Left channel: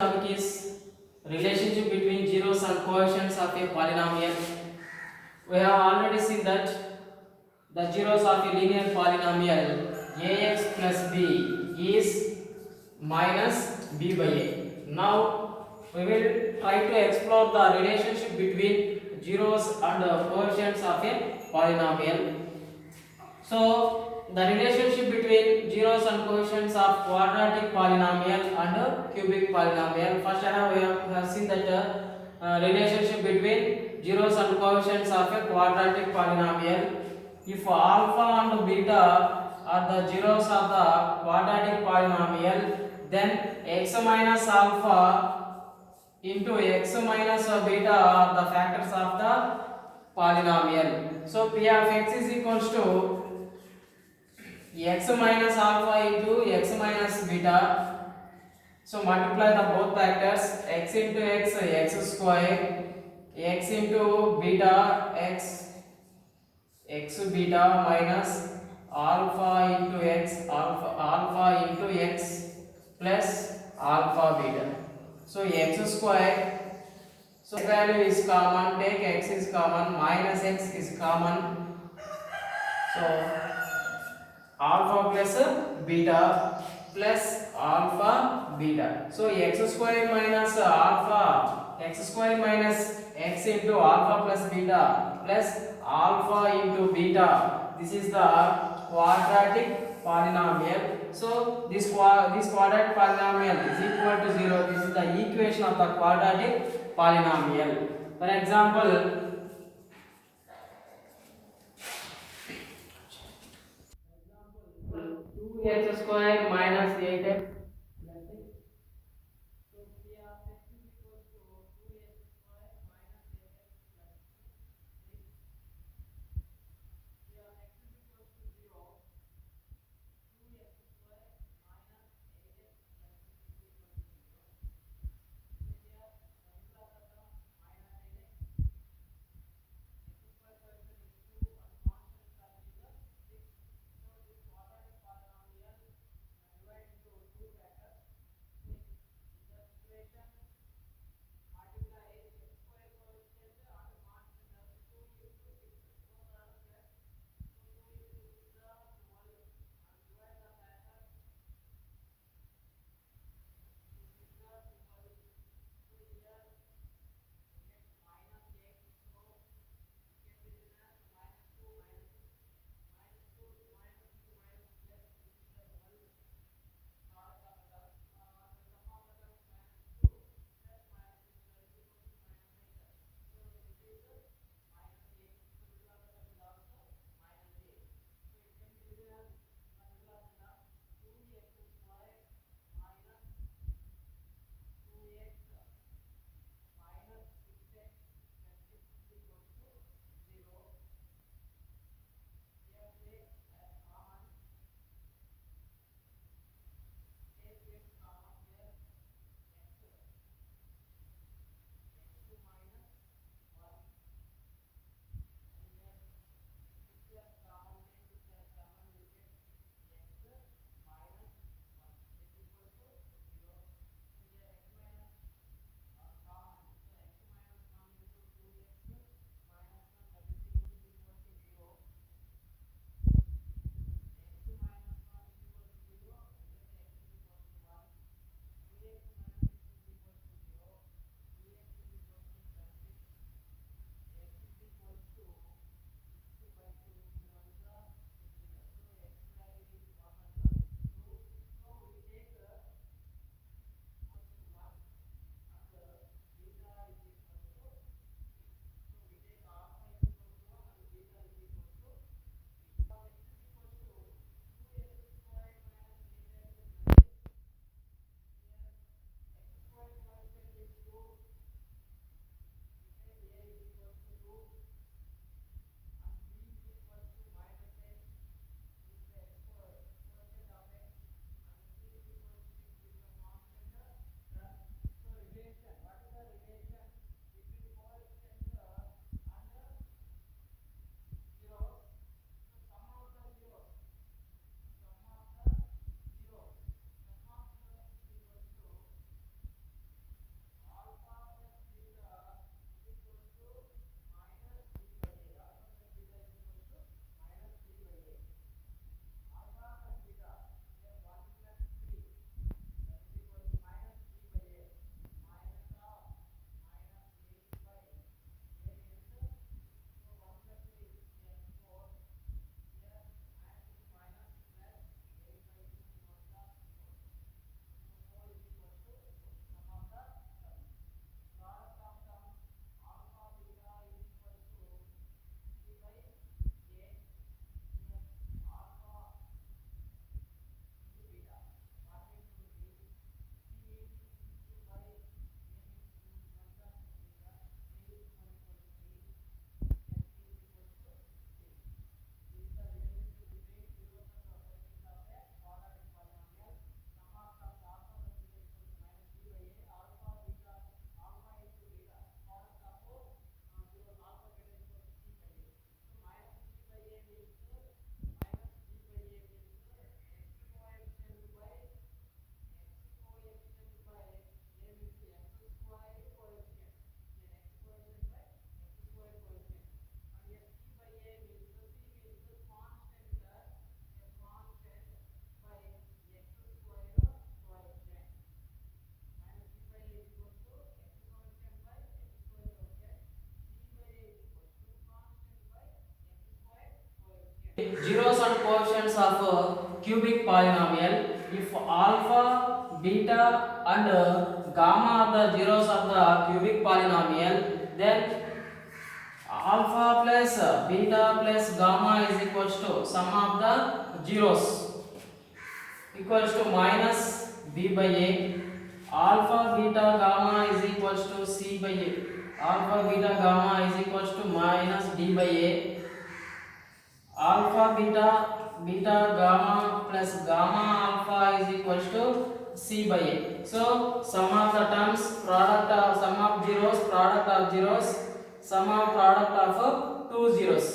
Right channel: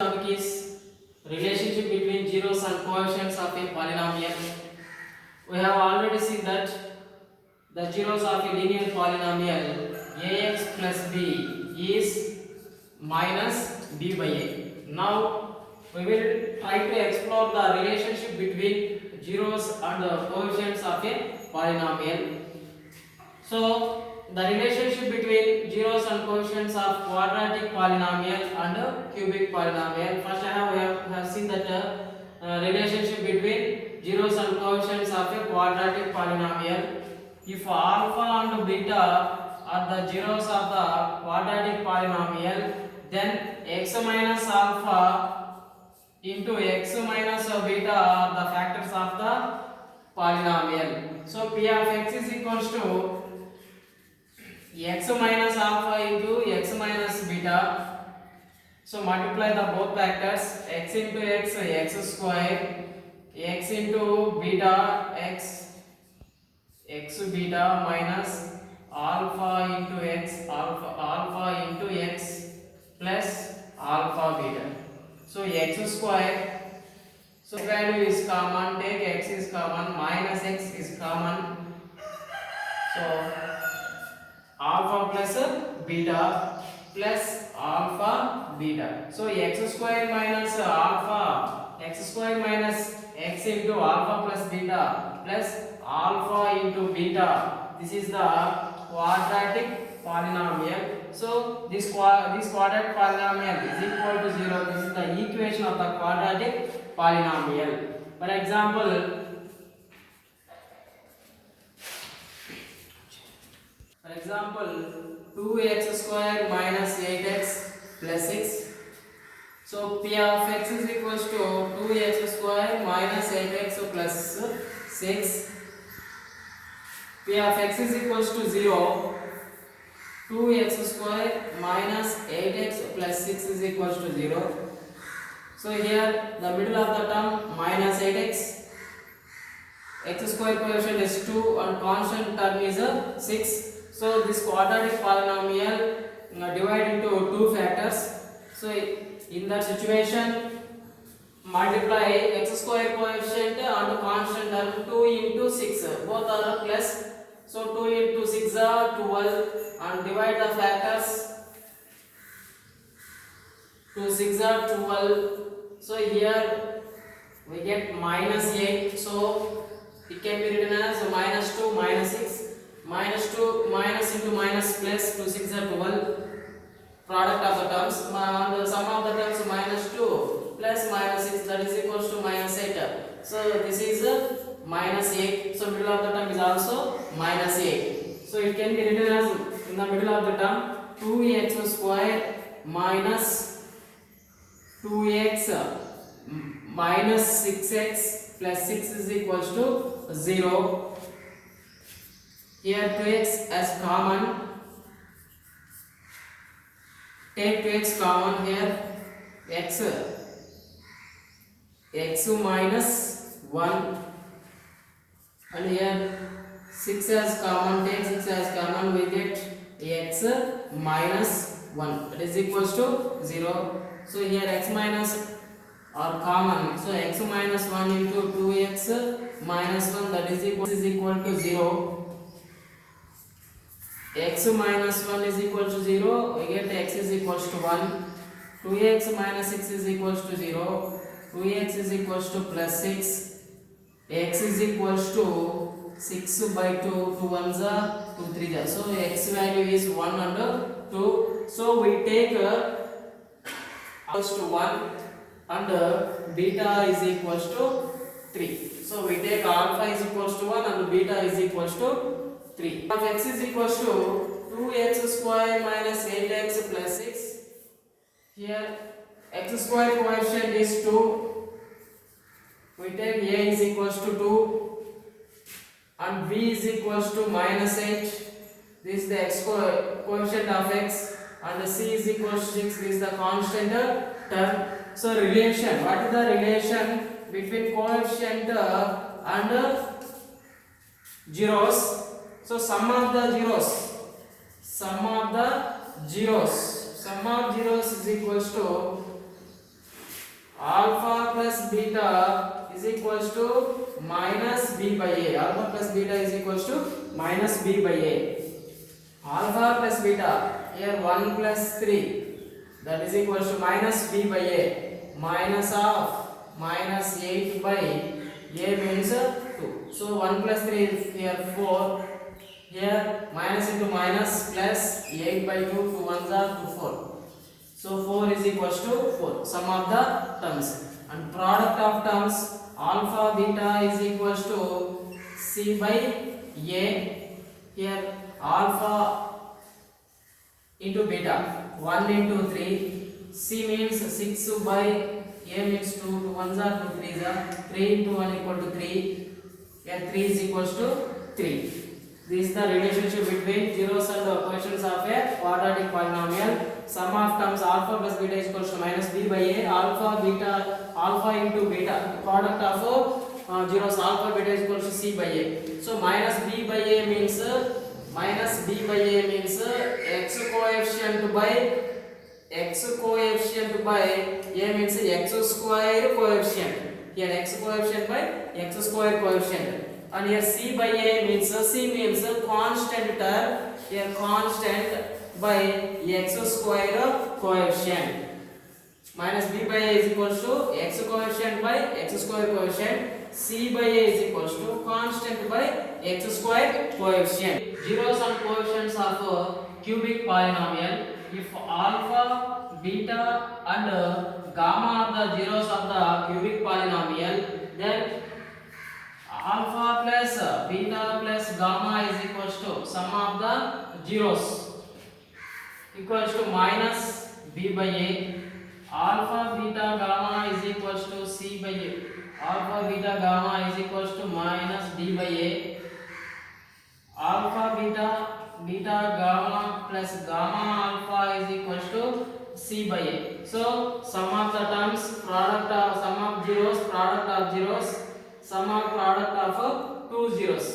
topic is relationship between zeros and coefficients of a polynomial. We have already seen that the zeros of a linear polynomial ax plus b is minus b by a. Now we will try to explore the relationship between zeros and coefficients of a polynomial. So the relationship between zeros and coefficients of quadratic polynomial and cubic polynomial. First, we have seen that relationship between zeros and coefficients of a quadratic polynomial. If alpha and beta are the zeros of the quadratic polynomial, then x minus alpha into x minus beta are the factors of the polynomial. So p of x is equals to x minus alpha into x minus beta. So multiply the both factors, x into x square, x into beta x beta minus alpha into x alpha into x plus alpha beta. So x square, so value is common, take x is common, minus x is common. So alpha plus beta plus alpha beta. So x square minus alpha, x square minus x into alpha plus beta plus alpha into beta. This is the quadratic polynomial. So this quadratic polynomial is equal to 0. This is the equation of the quadratic polynomial. For example, 2x square minus 8x plus 6. So p of x is equals to 2x square minus 8x plus 6. P of x is equals to 0. 2x square minus 8x plus 6 is equals to 0. So here the middle of the term minus 8x. X square coefficient is 2 and constant term is 6. So this quadratic polynomial divided into two factors. So in that situation, multiply x square coefficient and constant term 2 into 6. Both are plus. So 2 into 6 are 12 and divide the factors. 2 6 are 12. So here we get minus 8. So it can be written as minus 2 minus 6. Minus 2 minus into minus plus 2 6 are 12. Product of the terms and the sum of the terms minus 2 plus minus 6, that is equals to minus 8. So this is minus 8. So middle of the term is also minus 8. So it can be written as in the middle of the term 2x square minus 2x minus 6x plus 6 is equals to 0. Here 2x as common, take 2x common here, x minus 1, and here 6 as common, take 6 as common, we get x minus 1, that is equals to 0. So here x minus are common, so x minus 1 into 2x minus 1, that is equal to 0. X minus 1 is equal to 0, we get x is equals to 1. 2x minus 6 is equals to 0. 2x is equals to plus 6. X is equals to 6 by 2. 2 1s are 2 3s are. So x value is 1 and 2. So we take equals to 1 and beta is equals to 3. So we take alpha is equals to 1 and beta is equals to 3. Of x is equals to 2x square minus 8x plus 6. Here x square coefficient is 2. We take a is equals to 2 and b is equals to minus 8. This is the x coefficient of x and c is equals to 6. This is the constant term. So relation, what is the relation between coefficient and zeros? So sum of zeros is equals to beta is equals to minus b by a. Alpha plus beta is equals to minus b by a. Alpha plus beta, here 1 plus 3, that is equals to minus b by a. Minus of minus 8 by a means 2. So 1 plus 3 is here 4. Here minus into minus plus 8 by 2, 2 ones are 2 4. So 4 is equals to 4. Sum of the terms and product of terms alpha beta is equals to c by a. Here alpha into beta 1 into 3. C means 6 by a means 2. 2 ones are 2 3s are 3 into 1 equal to 3. Here 3 is equals to 3. This is the relationship between zeros and coefficients of a quadratic polynomial. Sum of terms alpha plus beta is equals to minus b by a. Alpha beta, alpha into beta, product of zeros alpha beta is equals to c by a. So minus b by a means x coefficient by a means x square coefficient. Here x coefficient by x square coefficient. And here c by a means constant term. Here constant by x square coefficient. Minus b by a is equals to x coefficient by x square coefficient. C by a is equals to constant by x square coefficient. Zeros and coefficients of a cubic polynomial. If alpha, beta and gamma are the zeros of the cubic polynomial, then alpha plus beta plus gamma is equals to sum of the zeros equals to minus b by a. Alpha beta gamma is equals to c by a. Alpha beta gamma is equals to minus d by a. Alpha beta gamma plus gamma alpha is equals to c by a. So sum of the terms sum of zeros, product of zeros, sum of product of two zeros.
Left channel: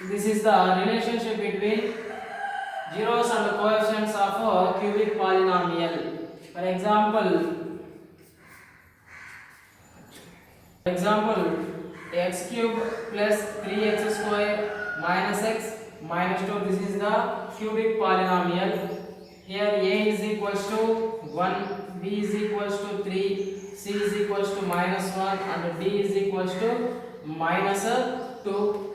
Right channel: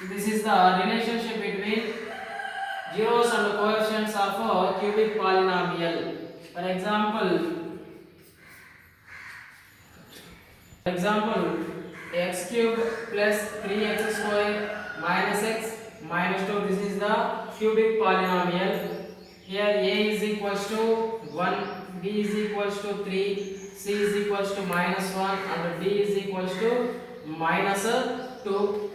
This is the relationship between zeros and coefficients of a cubic polynomial. For example, x cube plus 3x square minus x minus 2. This is the cubic polynomial. Here a is equals to 1, b is equals to 3, c is equals to minus 1 and d is equals to minus 2.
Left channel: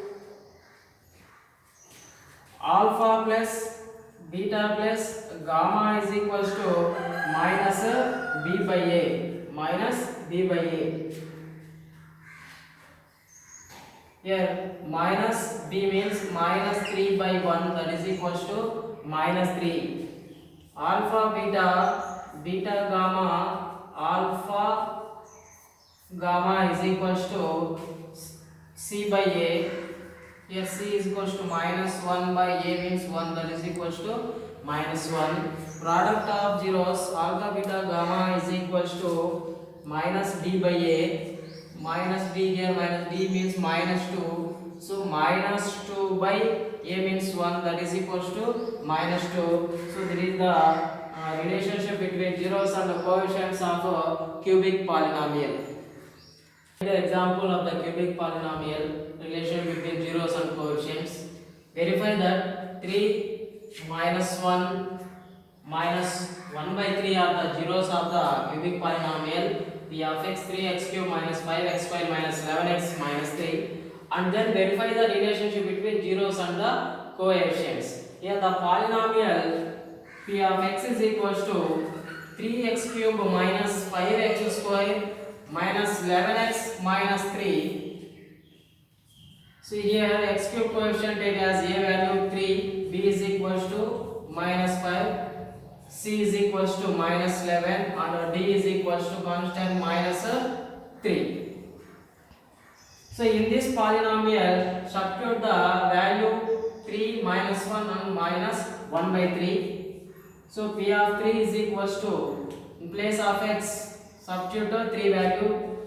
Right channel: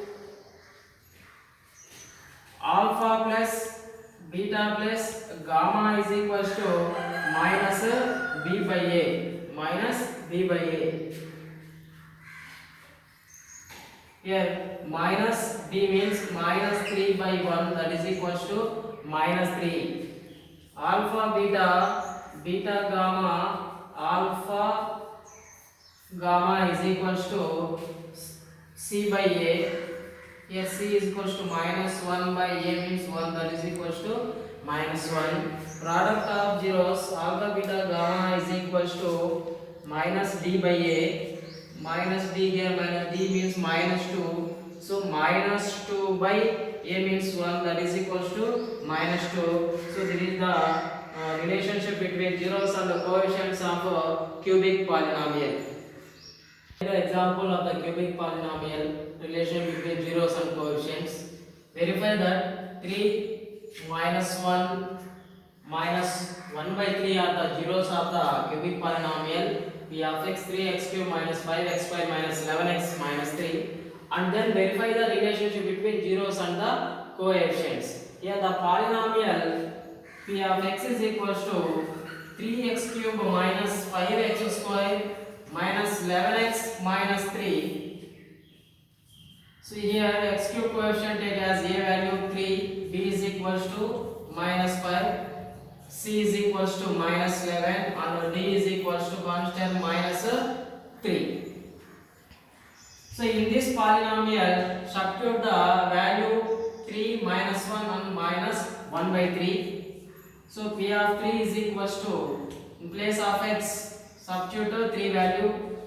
Alpha plus beta plus gamma is equals to minus b by a. Minus b by a. Here minus b means minus 3 by 1, that is equals to minus 3. Alpha beta gamma, alpha gamma is equals to c by a. Here c is equals to minus 1 by a means 1, that is equals to minus 1. Product of zeros alpha beta gamma is equals to minus d by a. Minus d, here minus d means minus 2. So minus 2 by a means 1, that is equals to minus 2. So this is the relationship between zeros and the coefficients of a cubic polynomial. The example of the cubic polynomial relation between zeros and coefficients. Verify that 3 minus 1 minus 1 by 3 are the zeros of the cubic polynomial. P of x 3x cube minus 5x square minus 11x minus 3. And then verify the relationship between zeros and the coefficients. Here the polynomial P of x is equals to 3x cube minus 5x square minus 11x minus 3. So here x cube coefficient it has a value 3, b is equals to minus 5, c is equals to minus 11 and d is equals to constant minus 3. So in this polynomial substitute the value 3 minus 1 and minus 1 by 3. So p of 3 is equals to, in place of x substitute the 3 value,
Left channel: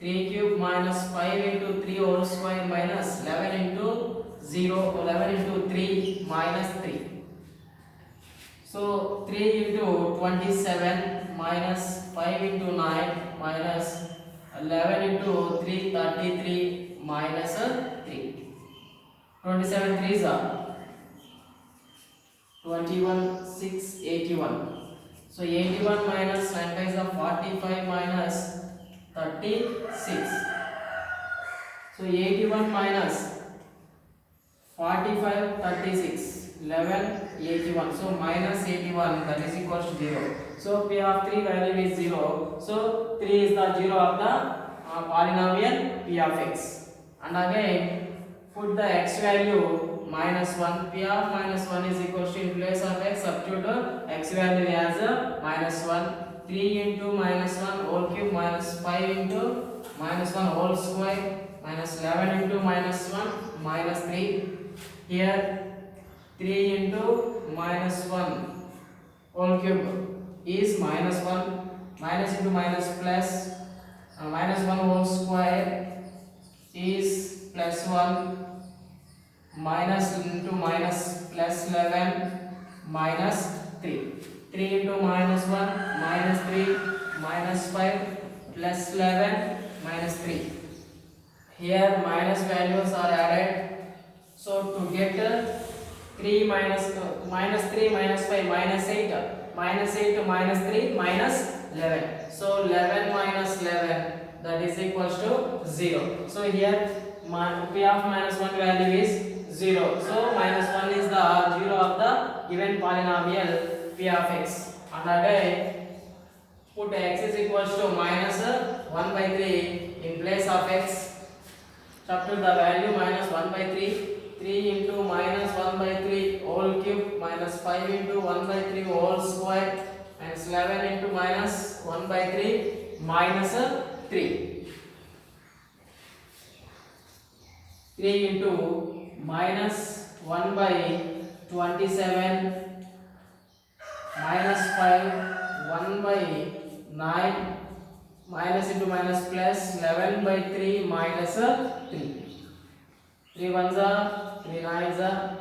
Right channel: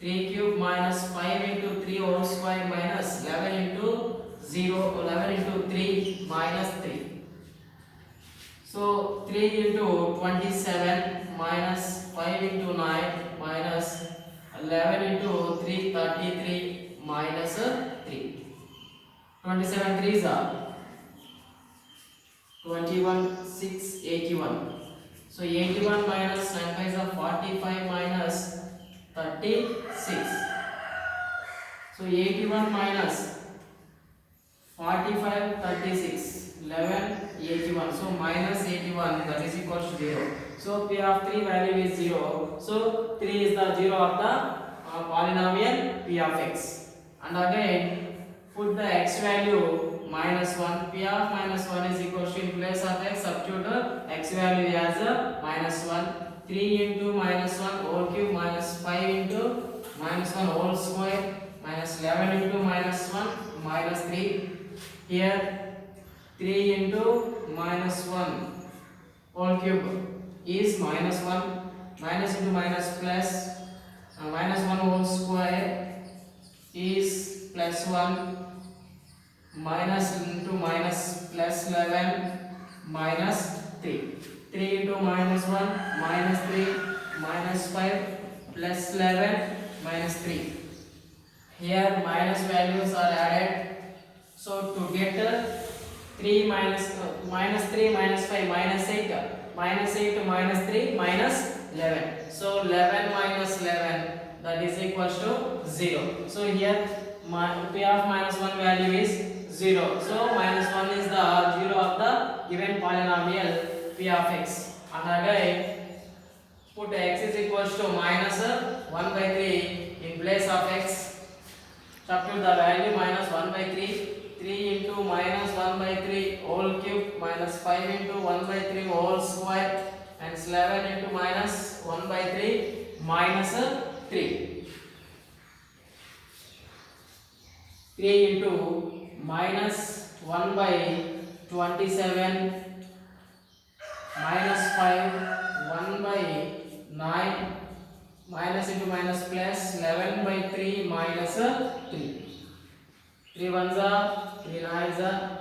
3 cube minus 5 into 3 whole square minus 11 into 0, 11 into 3 minus 3. So 3 into 27 minus 5 into 9 11 into 3 33 minus 3. 27 3s are 21 6 81. So 81 minus 9 is 45 minus 36. So 81 minus 45 36 11 81. So minus 81, that is equal to 0. So P of 3 value is 0. So 3 is the 0 of the polynomial P of x. And again put the x value minus 1. P of minus 1 is equal to, in place of x substitute x value as minus 1. 3 into minus 1 whole cube minus 5 into minus 1 whole square minus 11 into minus 1 minus 3. Here 3 into minus 1 whole cube is minus 1, minus into minus plus, minus 1 whole square is plus 1, minus into minus plus 11 minus 3. 3 into minus 1 minus 3 minus 5 plus 11 minus 3. Here minus values are added. So to get 3 minus minus 3 minus 5 minus 8, minus 8 to minus 3 minus 11. So 11 minus 11, that is equal to 0. So here P of minus 1 value is 0. So minus 1 is the 0 of the given polynomial P of x. And again put x is equal to minus 1 by 3 in place of x. Substitute the value minus 1 by 3. 3 into minus 1 by 3 whole cube minus 5 into 1 by 3 whole square minus 11 into minus 1 by 3 minus 3. 3 into minus 1 by 27 minus 5 1 by 9 minus into minus plus 11 by 3 minus 3. 3 ones are 3 nines are.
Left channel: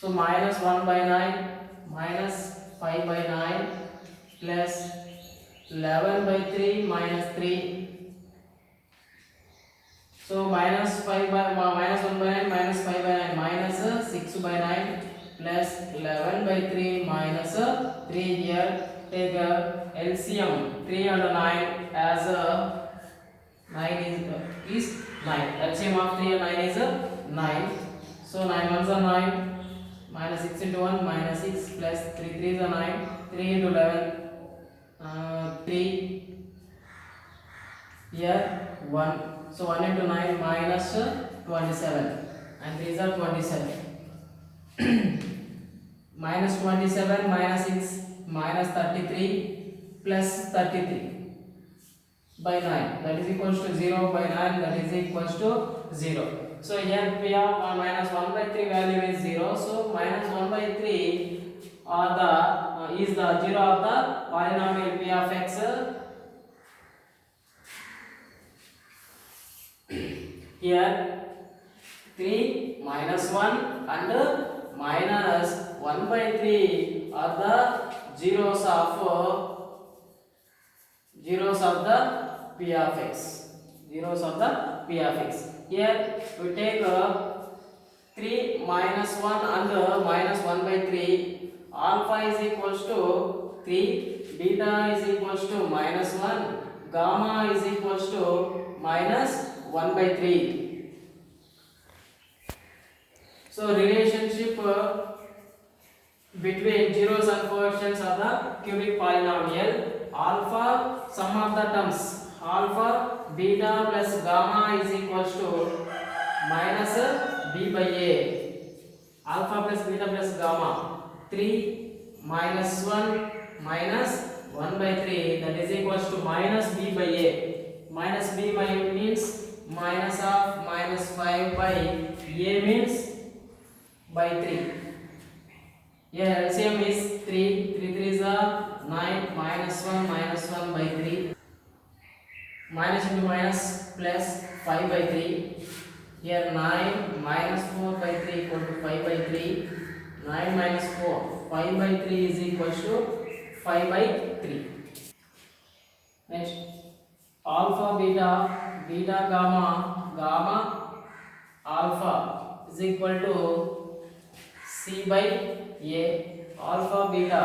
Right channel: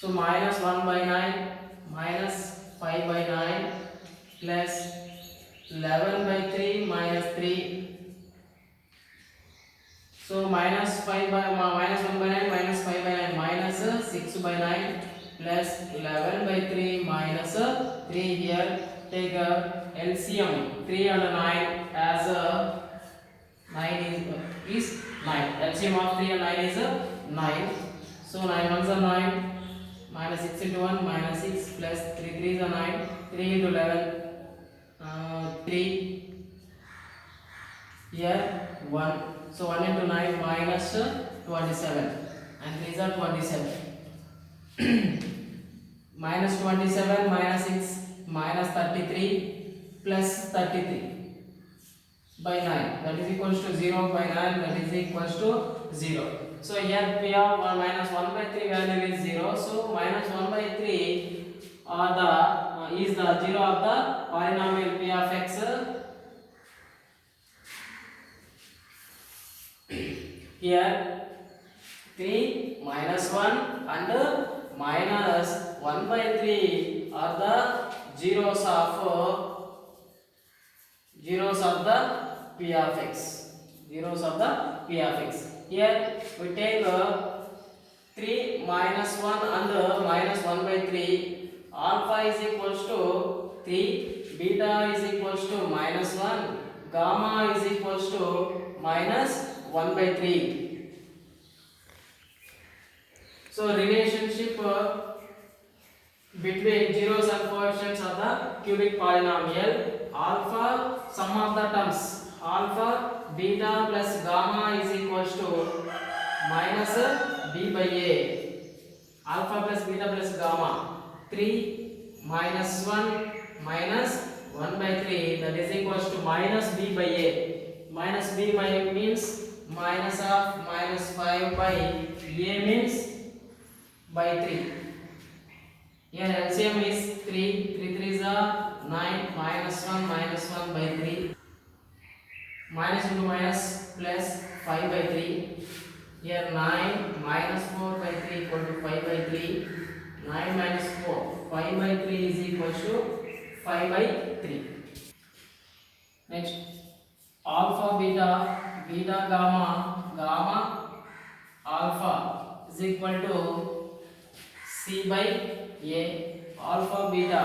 So minus 1 by 9 minus 5 by 9 plus 11 by 3 minus 3. So minus 5 by minus 1 by 9 minus 5 by 9 minus 6 by 9 plus 11 by 3 minus 3. Here take LCM 3 and 9 as 9 is 9. LCM of 3 and 9 is 9. So 9 ones are 9 minus 6 into 1 minus 6 plus 3 3s are 9. 3 into 11 3. Here 1. So 1 into 9 minus 27 and these are 27. Minus 27 minus 6 minus 33 plus 33 by 9, that is equals to 0 by 9, that is equals to 0. So here P of minus 1 by 3 value is 0. So minus 1 by 3 is the 0 of the polynomial P of x. Here 3 minus 1 and minus 1 by 3 are the zeros of the P of x. Zeros of the P of x. Here we take 3 minus 1 and minus 1 by 3. Alpha is equals to 3, beta is equals to minus 1, gamma is equals to minus 1 by 3. So relationship between zeros and coefficients of the cubic polynomial, alpha sum of the terms alpha beta plus gamma is equals to minus b by a. Alpha plus beta plus gamma 3 minus 1 minus 1 by 3, that is equals to minus b by a. Minus b by means minus of minus 5 by a means by 3. Here LCM is 3, 3 3s are 9, minus 1 by 3, minus into minus plus 5 by 3. Here 9 minus 4 by 3 equal to 5 by 3, 9 minus 4, 5 by 3 is equal to 5 by 3. Next, alpha beta, beta gamma, gamma alpha is equal to C by A. Alpha beta,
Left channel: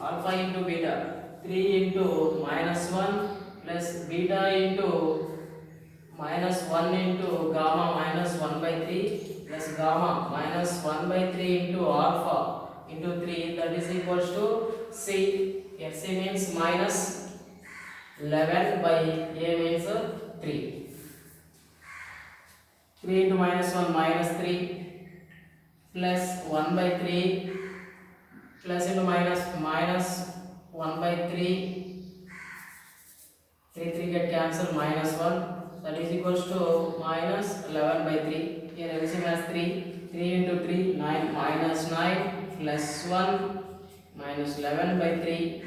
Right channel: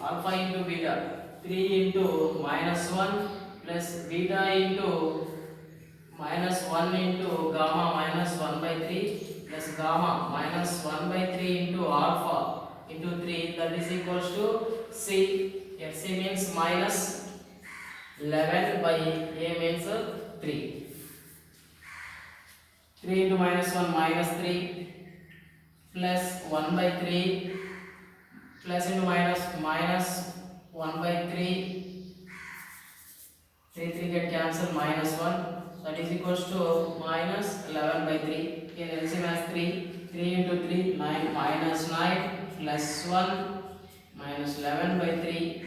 alpha into beta, 3 into minus 1 plus beta into minus 1 into gamma minus 1 by 3 plus gamma minus 1 by 3 into alpha into 3, that is equals to C. Here C means minus 11 by A means 3. 3 into minus 1 minus 3 plus 1 by 3 plus into minus minus 1 by 3, 3 get cancelled, minus 1, that is equals to minus 11 by 3. Here LCM has 3, 3 into 3 9 minus 9 plus 1 minus 11 by 3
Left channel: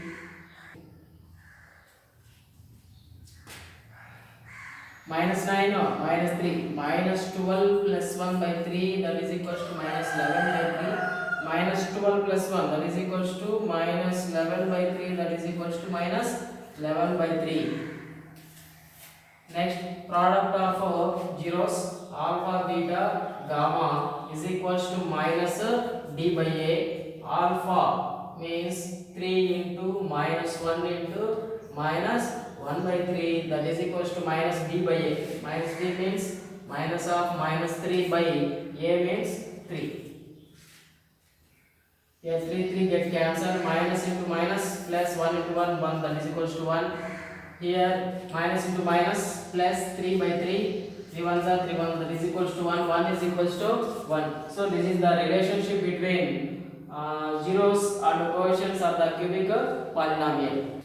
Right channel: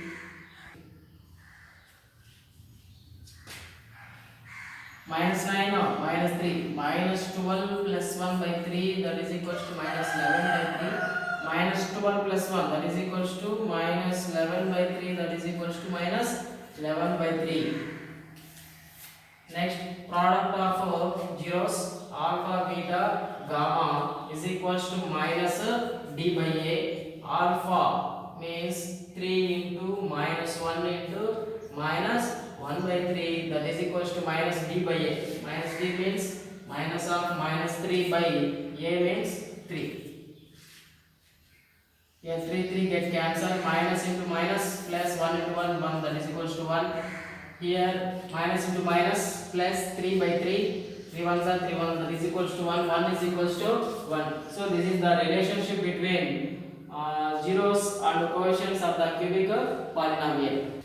minus 9 or minus 3 minus 12 plus 1 by 3, that is equals to minus 11 by 3 minus 12 plus 1, that is equals to minus 11 by 3, that is equals to minus 11 by 3. Next, product of zeros alpha beta gamma is equals to minus d by a. Alpha means 3 into minus 1 into minus 1 by 3, that is equals to minus d by a. Minus d means minus of minus 3 by a means 3. Here 3 get cancelled, minus into minus plus 1 into 1 1, that is equals to 1. Here minus into minus plus 3 by 3, 3 ones are 3 1, that is equals to 1, 1 is equals to 1. So this is the relationship between zeros and coefficients of the cubic polynomial.